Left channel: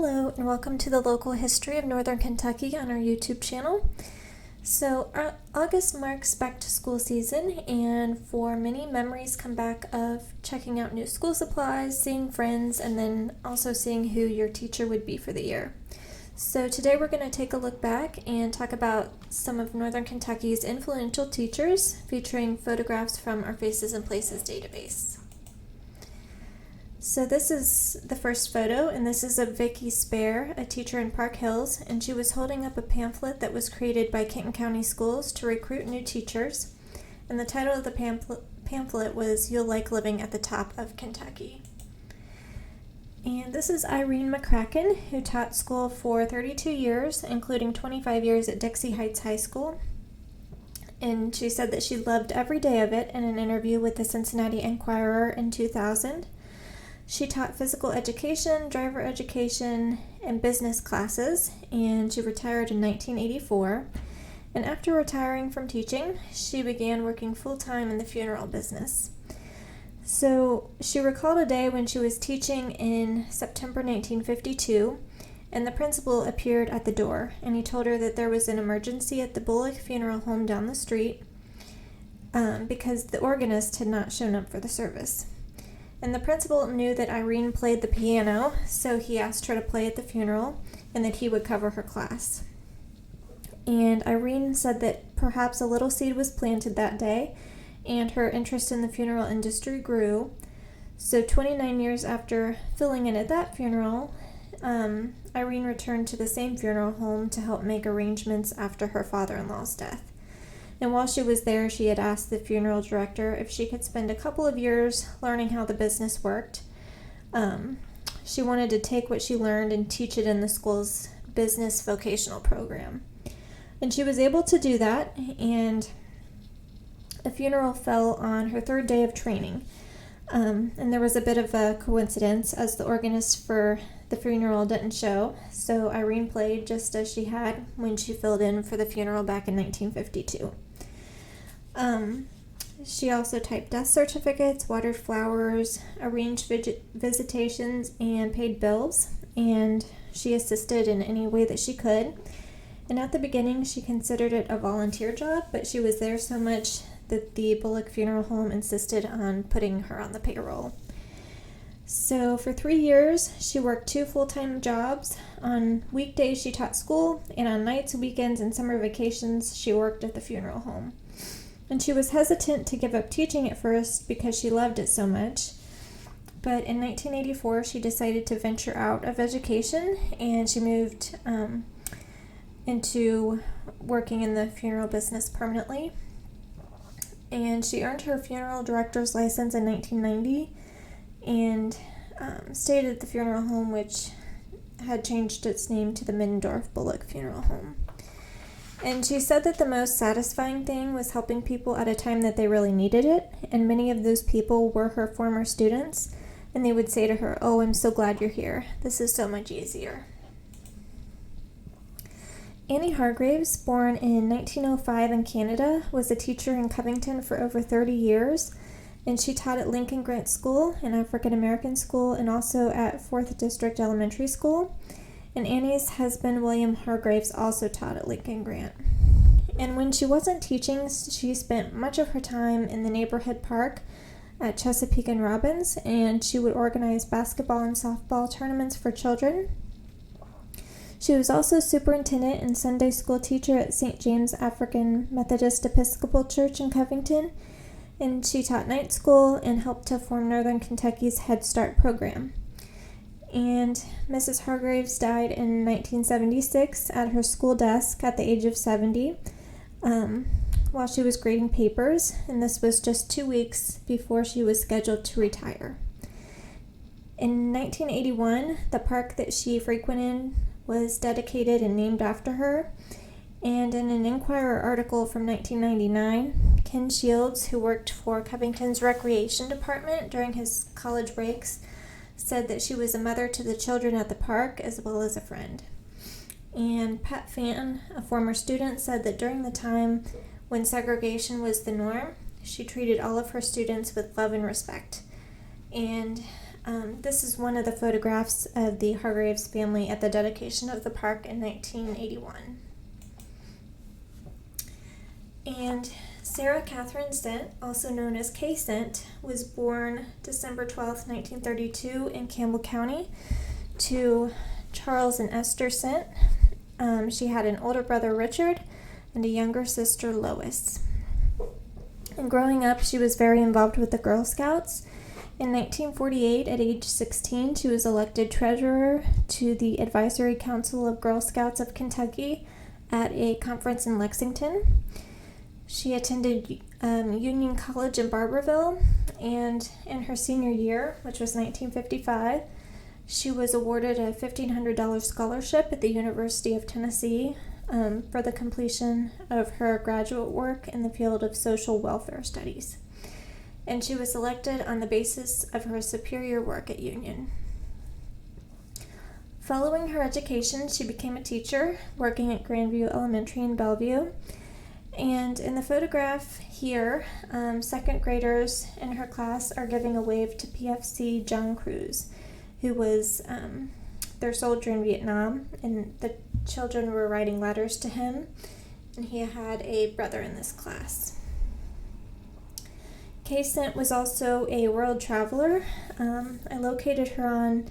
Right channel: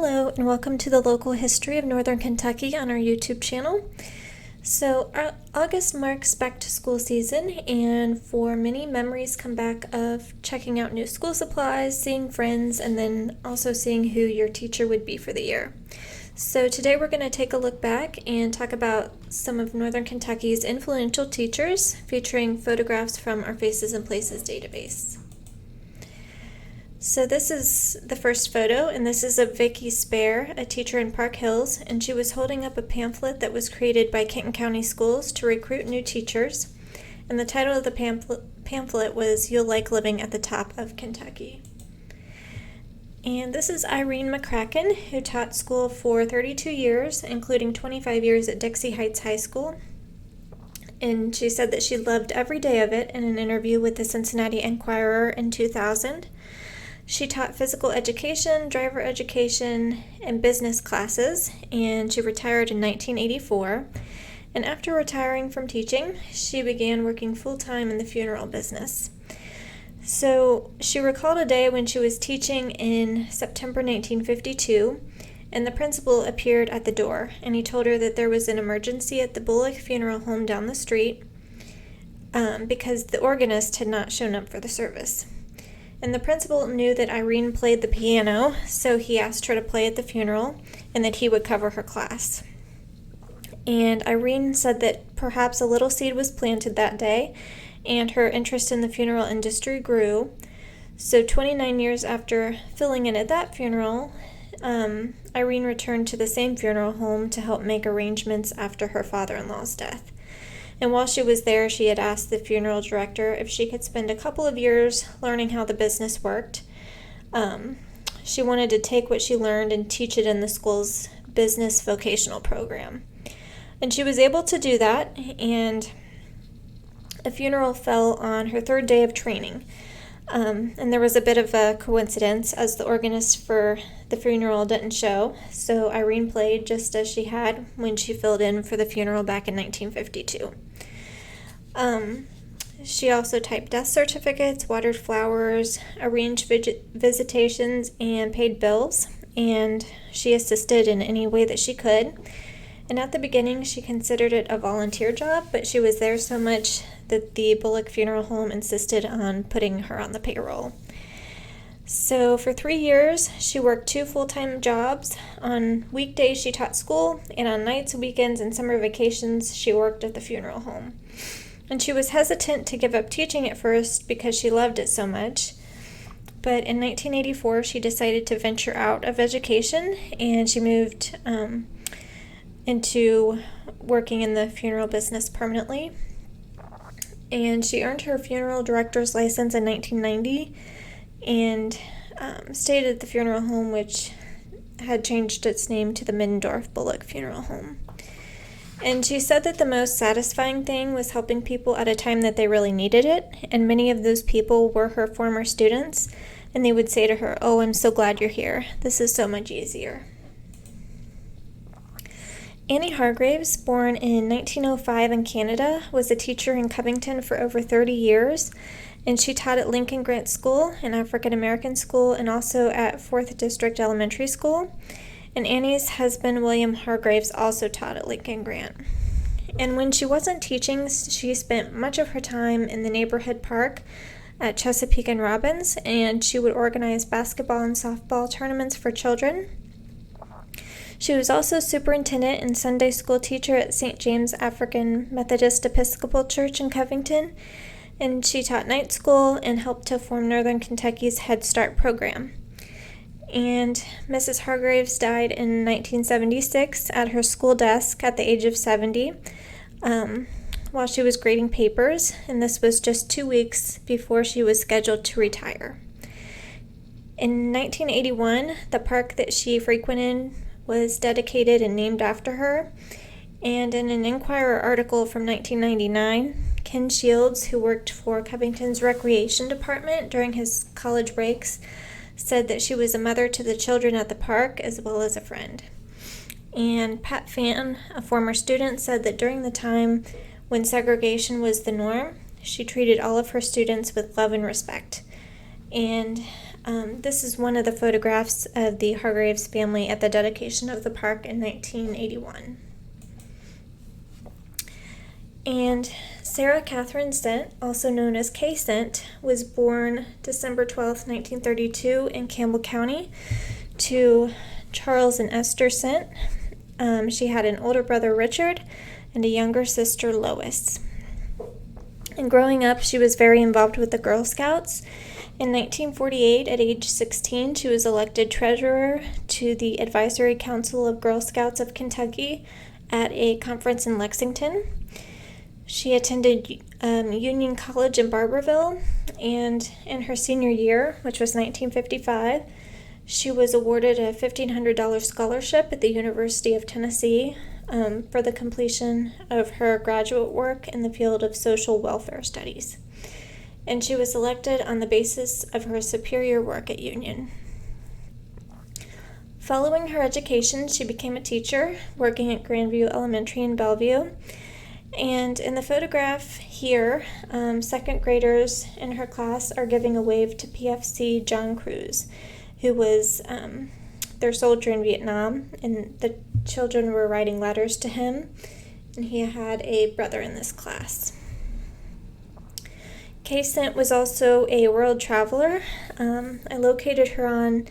Hello and welcome to the local history of Northern Kentucky on our YouTube channel. So August marks back to school season, and for many, memories come back of checking out new school supplies, seeing friends, and then also seeing who your teacher would be for the year. So today we're going to take a look back and talk about some of Northern Kentucky's influential teachers, featuring photographs from our Faces and Places database. So this is the first photo, and this is of Vicki Spare, a teacher in Park Hills, and she was holding up a pamphlet that was created by Kenton County Schools to recruit new teachers, and the title of the pamphlet was "You'll Like Living at the Top of Kentucky." And this is Irene McCracken, who taught school for 32 years, including 25 years at Dixie Heights High School, and she said that she loved every day of it in an interview with the Cincinnati Enquirer in 2000. She taught physical education, driver education, and business classes, and she retired in 1984. And after retiring from teaching, she began working full-time in the funeral business. So she recalled a day when she was teaching in September 1952, and the principal appeared at the door, and he told her that there was an emergency at the Bullock Funeral Home down the street because the organist had not shown up for the service. And the principal knew that Irene played the piano, so he asked her to play at the funeral and that he would cover her class. And Irene said that perhaps a little seed was planted that day, and her interest in the funeral industry grew. So 29 years after filling in at that funeral, Irene returned to the same funeral home to help make arrangements after her father-in-law's death. And while she was there, she had asked the funeral director if she could spend a couple of years learning how the business worked. She wanted to take what she learned and teach it in the school's business vocational program. And she was able to do that, and a funeral fell on her third day of training. And there was a bit of a coincidence, as the organist for the funeral didn't show, so Irene played just as she had when she filled in for the funeral back in 1952. She also typed death certificates, watered flowers, arranged visitations, and paid bills, and she assisted in any way that she could. And at the beginning, she considered it a volunteer job, but she was there so much that the Bullock Funeral Home insisted on putting her on the payroll. So for 3 years, she worked 2 full-time jobs. On weekdays, she taught school, and on nights, weekends, and summer vacations, she worked at the funeral home. And she was hesitant to give up teaching at first because she loved it so much. But in 1984, she decided to venture out of education, and she moved into working in the funeral business permanently. And she earned her funeral director's license in 1990 and stayed at the funeral home, which had changed its name to the Middendorf Bullock Funeral Home. And she said that the most satisfying thing was helping people at a time that they really needed it, and many of those people were her former students, and they would say to her, "Oh, I'm so glad you're here. This is so much easier." Annie Hargraves, born in 1905 in Canada, was a teacher in Covington for over 30 years, and she taught at Lincoln Grant School, an African American school, and also at 4th District Elementary School. And Annie's husband, William Hargraves, also taught at Lincoln Grant. And when she wasn't teaching, she spent much of her time in the neighborhood park at Chesapeake and Robbins, and she would organize basketball and softball tournaments for children. She was also superintendent and Sunday school teacher at St. James African Methodist Episcopal Church in Covington, and she taught night school and helped to form Northern Kentucky's Head Start program. And Mrs. Hargraves died in 1976 at her school desk at the age of 70 while she was grading papers, and this was just 2 weeks before she was scheduled to retire. In 1981, the park that she frequented was dedicated and named after her, and in an Enquirer article from 1999, Ken Shields, who worked for Covington's recreation department during his college breaks, said that she was a mother to the children at the park as well as a friend. And Pat Fan, a former student, said that during the time when segregation was the norm, she treated all of her students with love and respect. And This is one of the photographs of the Hargraves family at the dedication of the park in 1981. And Sarah Catherine Sent, also known as Kayson, was born December 12, 1932 in Campbell County to Charles and Esther Sent. She had an older brother, Pritchard, and a younger sister, Lois. And growing up, she was very involved with the Girl Scouts. In 1948, at age 16, she was elected treasurer to the Advisory Council of Girl Scouts of Kentucky at a conference in Lexington. She attended Union College in Barberville, and in her senior year, which was 1955, she was awarded a $1,500 scholarship at the University of Tennessee for the completion of her graduate work in the field of social welfare studies. And she was elected on the basis of her superior work at Union. Following her education, she became a teacher, working at Grandview Elementary in Bellevue. And in the photograph here, second graders in her class are giving a wave to PFC John Cruz, who was their soldier in Vietnam, and the children were writing letters to him, and he had a brother in this class. Kayson was also a world traveler. I located her on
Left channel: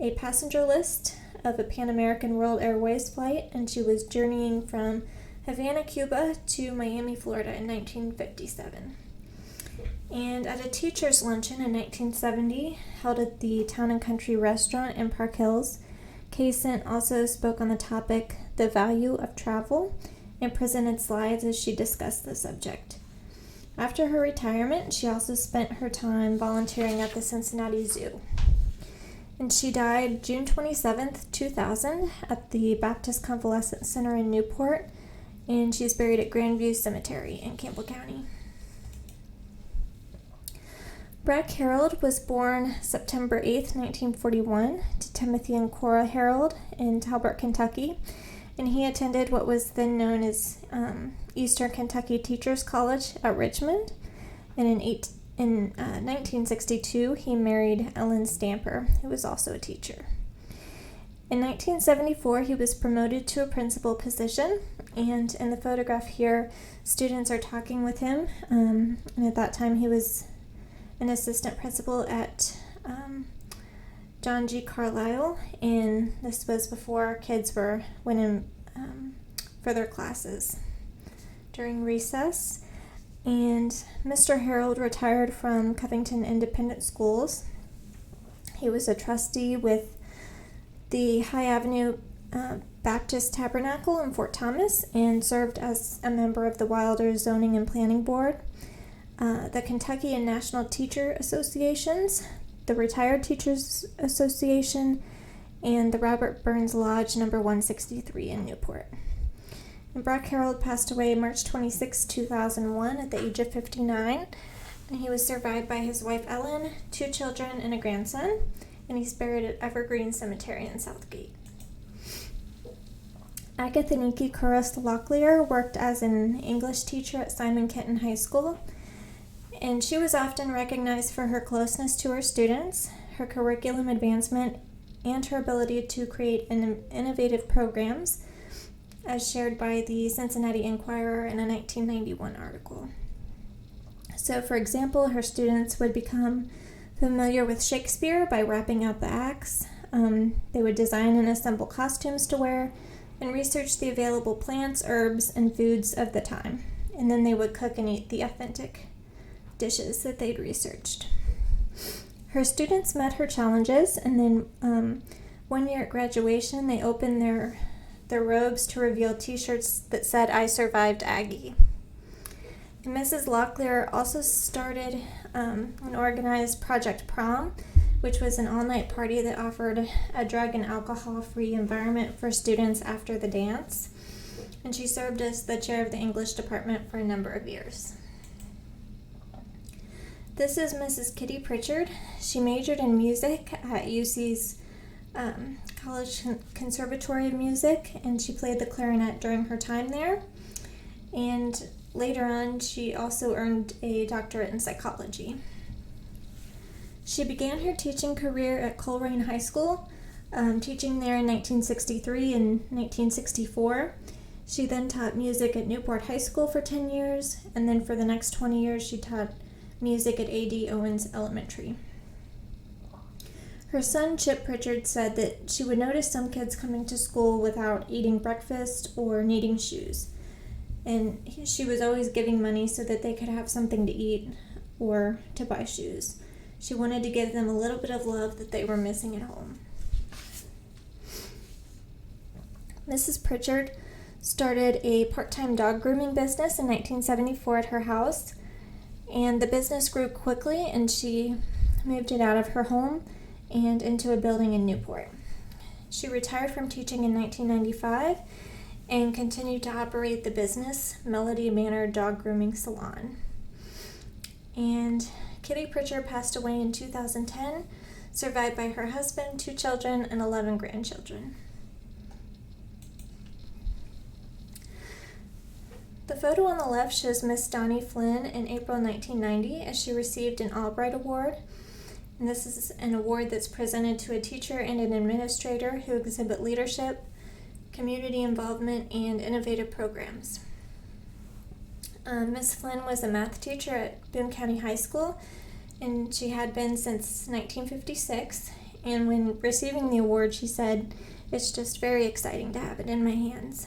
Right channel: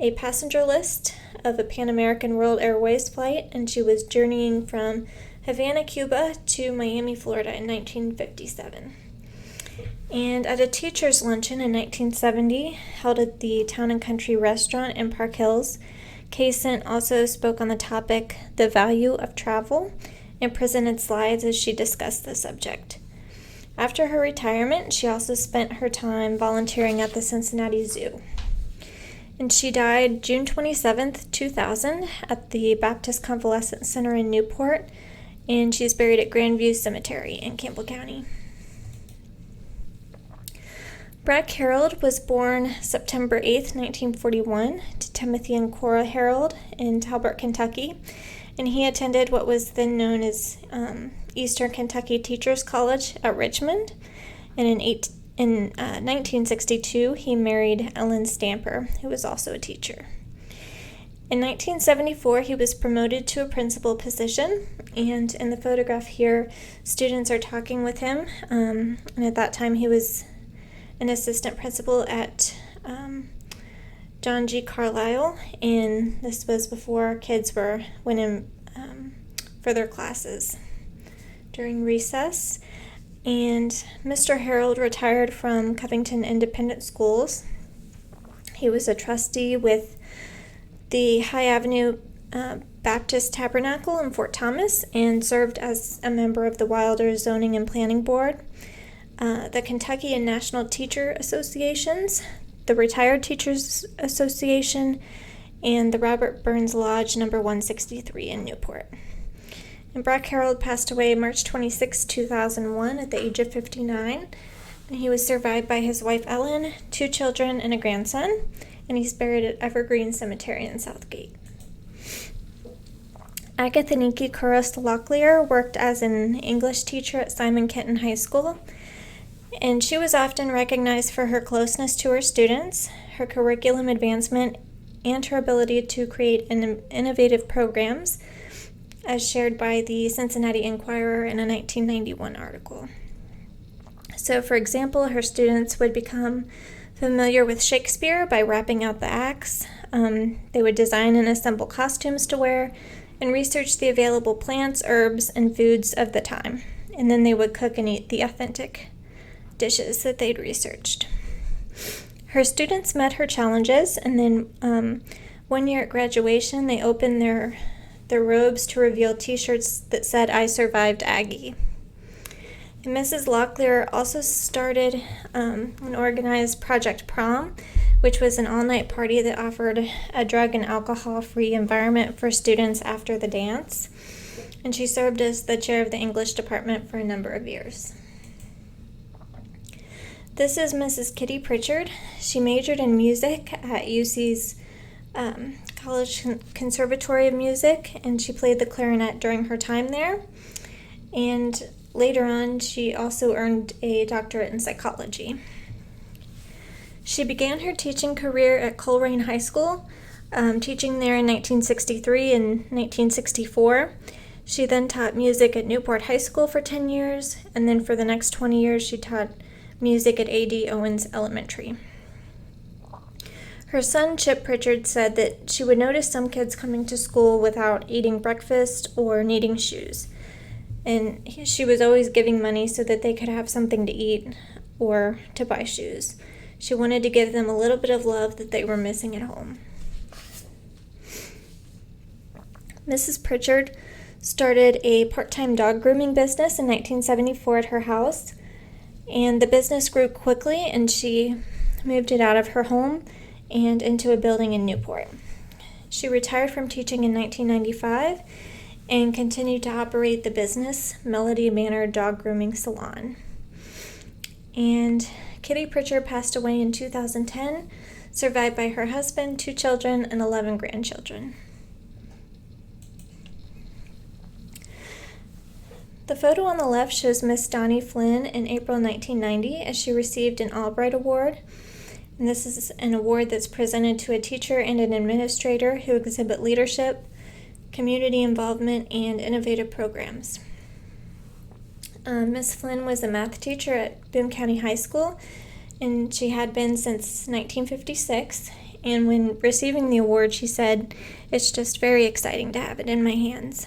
a passenger list of a Pan American World Airways flight, and she was journeying from Havana, Cuba to Miami, Florida in 1957. And at a teacher's luncheon in 1970, held at the Town and Country Restaurant in Park Hills, Kayson also spoke on the topic, the value of travel, and presented slides as she discussed the subject. After her retirement, she also spent her time volunteering at the Cincinnati Zoo. And she died June 27th, 2000 at the Baptist Convalescent Center in Newport, and she's buried at Grandview Cemetery in Campbell County. Brad Harold was born September 8th, 1941, to Timothy and Cora Harold in Talbot, Kentucky, and he attended what was then known as Eastern Kentucky Teachers College at Richmond, and in 1962 he married Ellen Stamper, who was also a teacher. In 1974, he was promoted to a principal position, and in the photograph here, students are talking with him, and at that time he was an assistant principal at John G. Carlisle, and this was before kids went in for their classes during recess. And Mr. Harold retired from Covington Independent Schools. He was a trustee with the High Avenue Baptist Tabernacle in Fort Thomas and served as a member of the Wilder Zoning and Planning Board, the Kentucky and National Teacher Associations, the Retired Teachers Association, and the Robert Burns Lodge No. 163 in Newport. And Brock Harold passed away March 26, 2001 at the age of 59, and he was survived by his wife Ellen, 2 children, and a grandson, and he's buried at Evergreen Cemetery in Southgate. Agatha Nikki Locklear worked as an English teacher at Simon Kenton High School, and she was often recognized for her closeness to her students, her curriculum advancement, and her ability to create innovative programs, as shared by the Cincinnati Enquirer in a 1991 article. So, for example, her students would become familiar with Shakespeare by rapping out the acts. They would design and assemble costumes to wear and research the available plants, herbs, and foods of the time. And then they would cook and eat the authentic dishes that they'd researched. Her students met her challenges, and then one year at graduation, they opened their robes to reveal t-shirts that said, "I survived Aggie." And Mrs. Locklear also started and organized Project Prom, which was an all-night party that offered a drug and alcohol-free environment for students after the dance. And she served as the chair of the English department for a number of years. This is Mrs. Kitty Pritchard. She majored in music at UC's College Conservatory of Music, and she played the clarinet during her time there. And later on, she also earned a doctorate in psychology. She began her teaching career at Coleraine High School, teaching there in 1963 and 1964. She then taught music at Newport High School for 10 years, and then for the next 20 years she taught music at A.D. Owens Elementary. Her son, Chip Pritchard, said that she would notice some kids coming to school without eating breakfast or needing shoes. And she was always giving money so that they could have something to eat or to buy shoes. She wanted to give them a little bit of love that they were missing at home. Mrs. Pritchard started a part-time dog grooming business in 1974 at her house, and the business grew quickly, and she moved it out of her home and into a building in Newport. She retired from teaching in 1995 and continued to operate the business, Melody Manor Dog Grooming Salon. And Kitty Pritchard passed away in 2010, survived by her husband, 2 children, and 11 grandchildren. The photo on the left shows Miss Donna Flynn in April 1990 as she received an Albright Award. And this is an award that's presented to a teacher and an administrator who exhibit leadership, community involvement, and innovative programs. Miss Flynn was a math teacher at Boone County High School, and she had been since 1956. And when receiving the award, she said, "It's just very exciting to have it in my hands."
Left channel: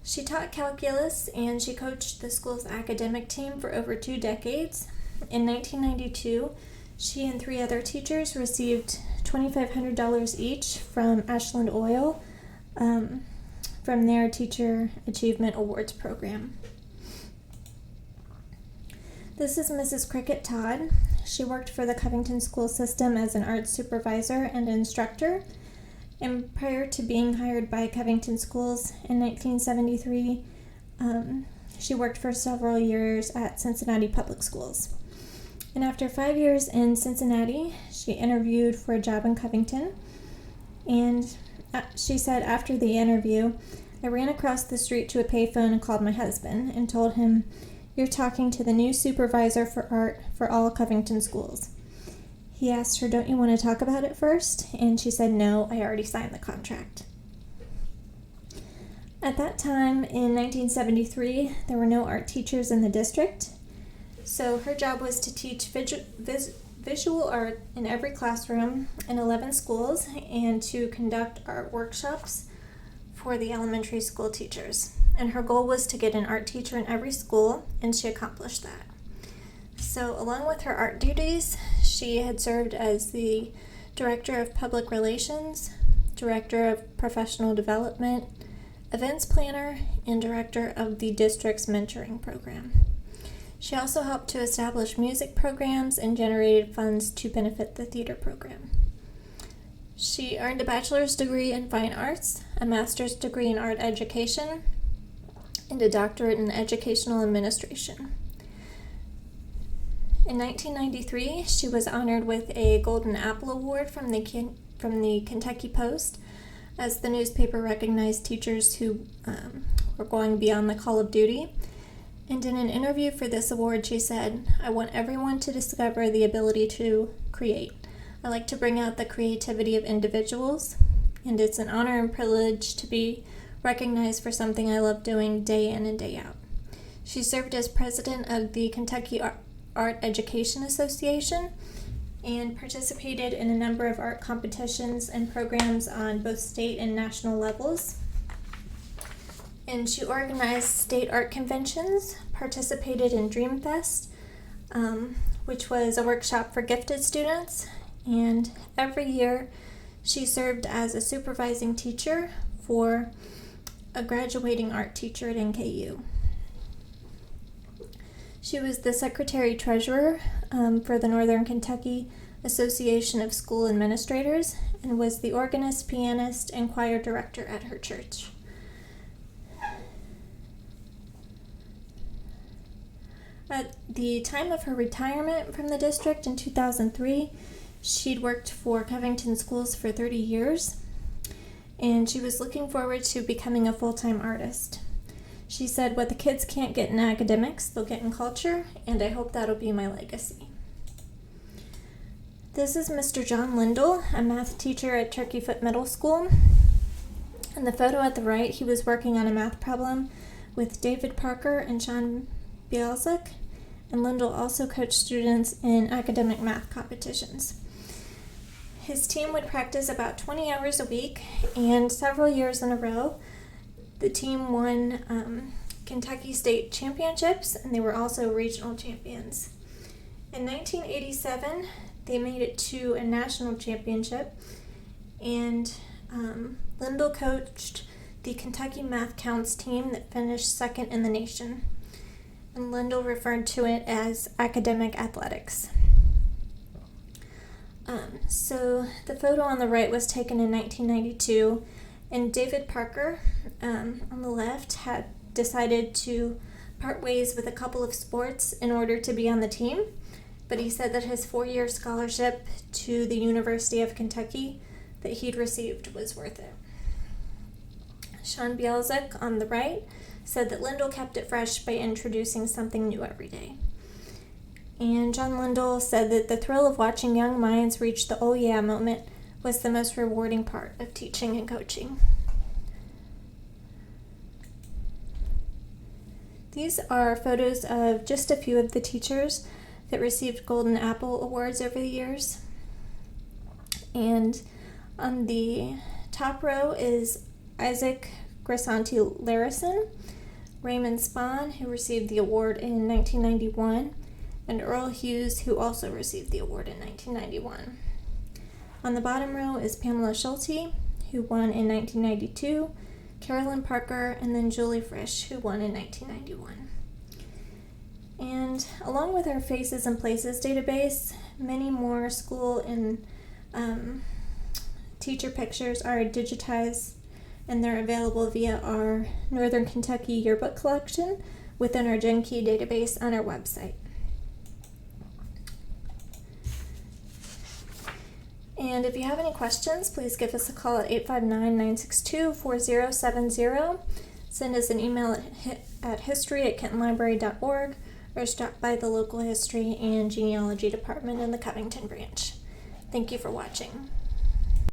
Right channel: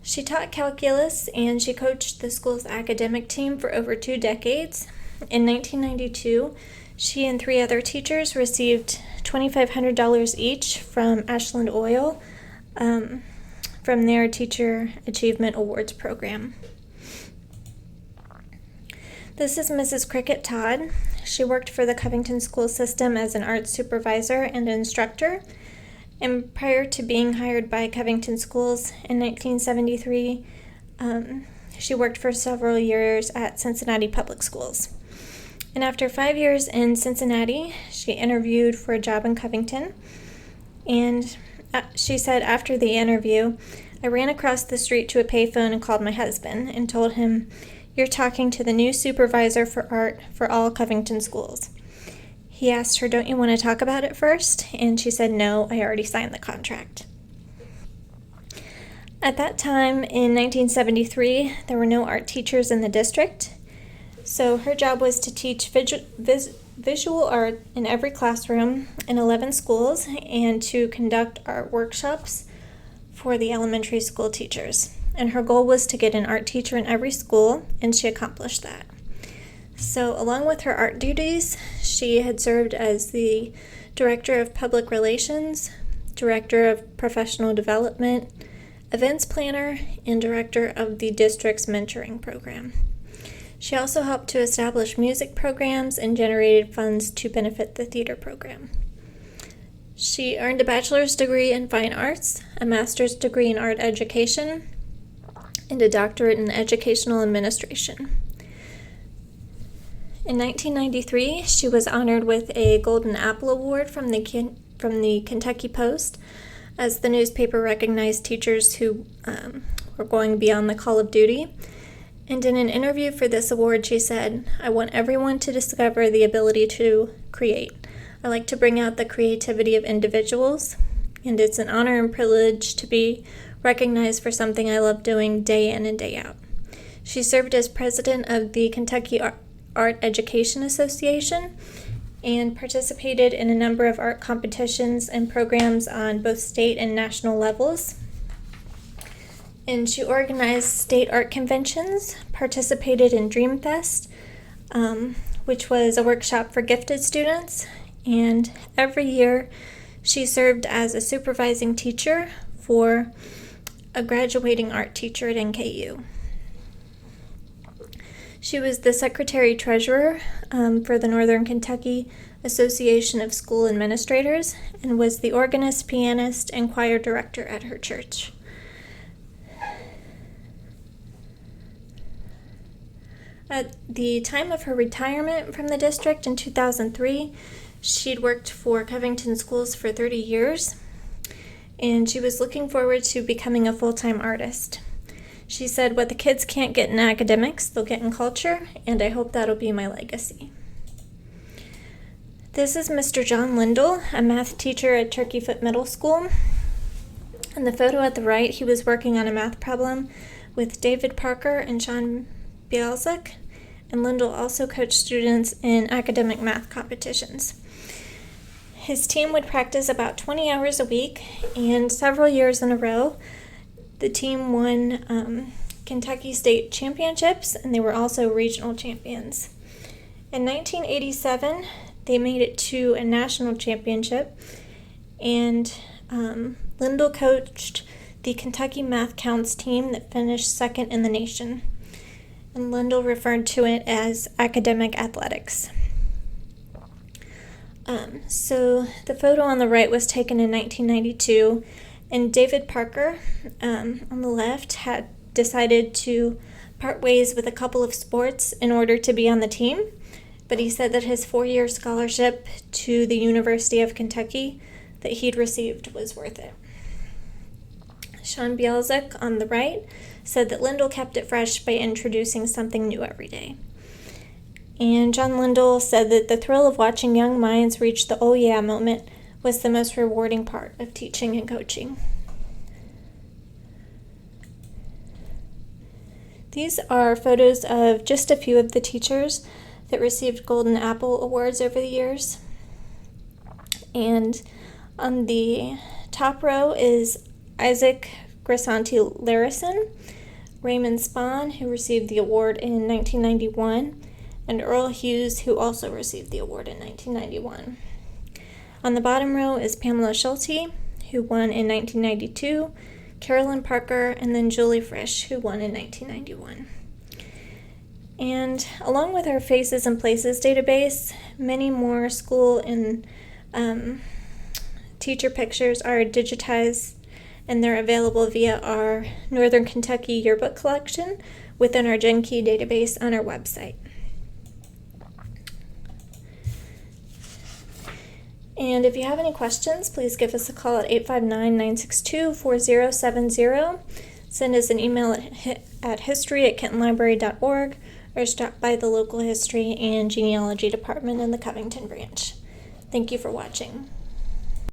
She taught calculus, and she coached the school's academic team for over 2 decades. In 1992, she and 3 other teachers received $2,500 each from Ashland Oil from their Teacher Achievement Awards program. This is Mrs. Cricket Todd. She worked for the Covington school system as an art supervisor and instructor. And prior to being hired by Covington Schools in 1973, she worked for several years at Cincinnati Public Schools. And after 5 years in Cincinnati, she interviewed for a job in Covington. And she said after the interview, "I ran across the street to a payphone and called my husband and told him, 'You're talking to the new supervisor for art for all Covington schools.' He asked her, 'Don't you want to talk about it first?' And she said, 'No, I already signed the contract.'" At that time, in 1973, there were no art teachers in the district, so her job was to teach visual art in every classroom in 11 schools and to conduct art workshops for the elementary school teachers. And her goal was to get an art teacher in every school, and she accomplished that. So along with her art duties, she had served as the Director of Public Relations, Director of Professional Development, Events Planner, and Director of the district's mentoring program. She also helped to establish music programs and generated funds to benefit the theater program. She earned a bachelor's degree in fine arts, a master's degree in art education, and a doctorate in educational administration. In 1993, she was honored with a Golden Apple Award from the Kentucky Post as the newspaper recognized teachers who were going beyond the call of duty. And in an interview for this award, she said, "I want everyone to discover the ability to create. I like to bring out the creativity of individuals, and it's an honor and privilege to be recognized for something I love doing day in and day out." She served as president of the Kentucky Art Education Association and participated in a number of art competitions and programs on both state and national levels. And she organized state art conventions, participated in Dreamfest, which was a workshop for gifted students, and every year she served as a supervising teacher for a graduating art teacher at NKU. She was the secretary-treasurer for the Northern Kentucky Association of School Administrators and was the organist, pianist, and choir director at her church. At the time of her retirement from the district in 2003, she'd worked for Covington Schools for 30 years, and she was looking forward to becoming a full-time artist. She said, "What the kids can't get in academics, they'll get in culture, and I hope that'll be my legacy." This is Mr. John Lindell, a math teacher at Turkeyfoot Middle School. In the photo at the right, he was working on a math problem with David Parker and Sean Bielzik, and Lindell also coached students in academic math competitions. His team would practice about 20 hours a week, and several years in a row, the team won Kentucky State Championships, and they were also regional champions. In 1987, they made it to a national championship, and Lindell coached the Kentucky Math Counts team that finished second in the nation. And Lindell referred to it as academic athletics. So the photo on the right was taken in 1992, and David Parker on the left had decided to part ways with a couple of sports in order to be on the team, but he said that his 4-year scholarship to the University of Kentucky that he'd received was worth it. Sean Bielzik on the right said that Lindell kept it fresh by introducing something new every day. And John Lindell said that the thrill of watching young minds reach the oh yeah moment was the most rewarding part of teaching and coaching. These are photos of just a few of the teachers that received Golden Apple Awards over the years. And on the top row is Isaac Grisanti-Larison, Raymond Spahn, who received the award in 1991, and Earl Hughes, who also received the award in 1991. On the bottom row is Pamela Schulte, who won in 1992, Carolyn Parker, and then Julie Frisch, who won in 1991. And along with our Faces and Places database, many more school and teacher pictures are digitized, and they're available via our Northern Kentucky yearbook collection within our GenKey database on our website. And if you have any questions, please give us a call at 859-962-4070. Send us an email at history@kentonlibrary.org, or stop by the local history and genealogy department in the Covington branch. Thank you for watching.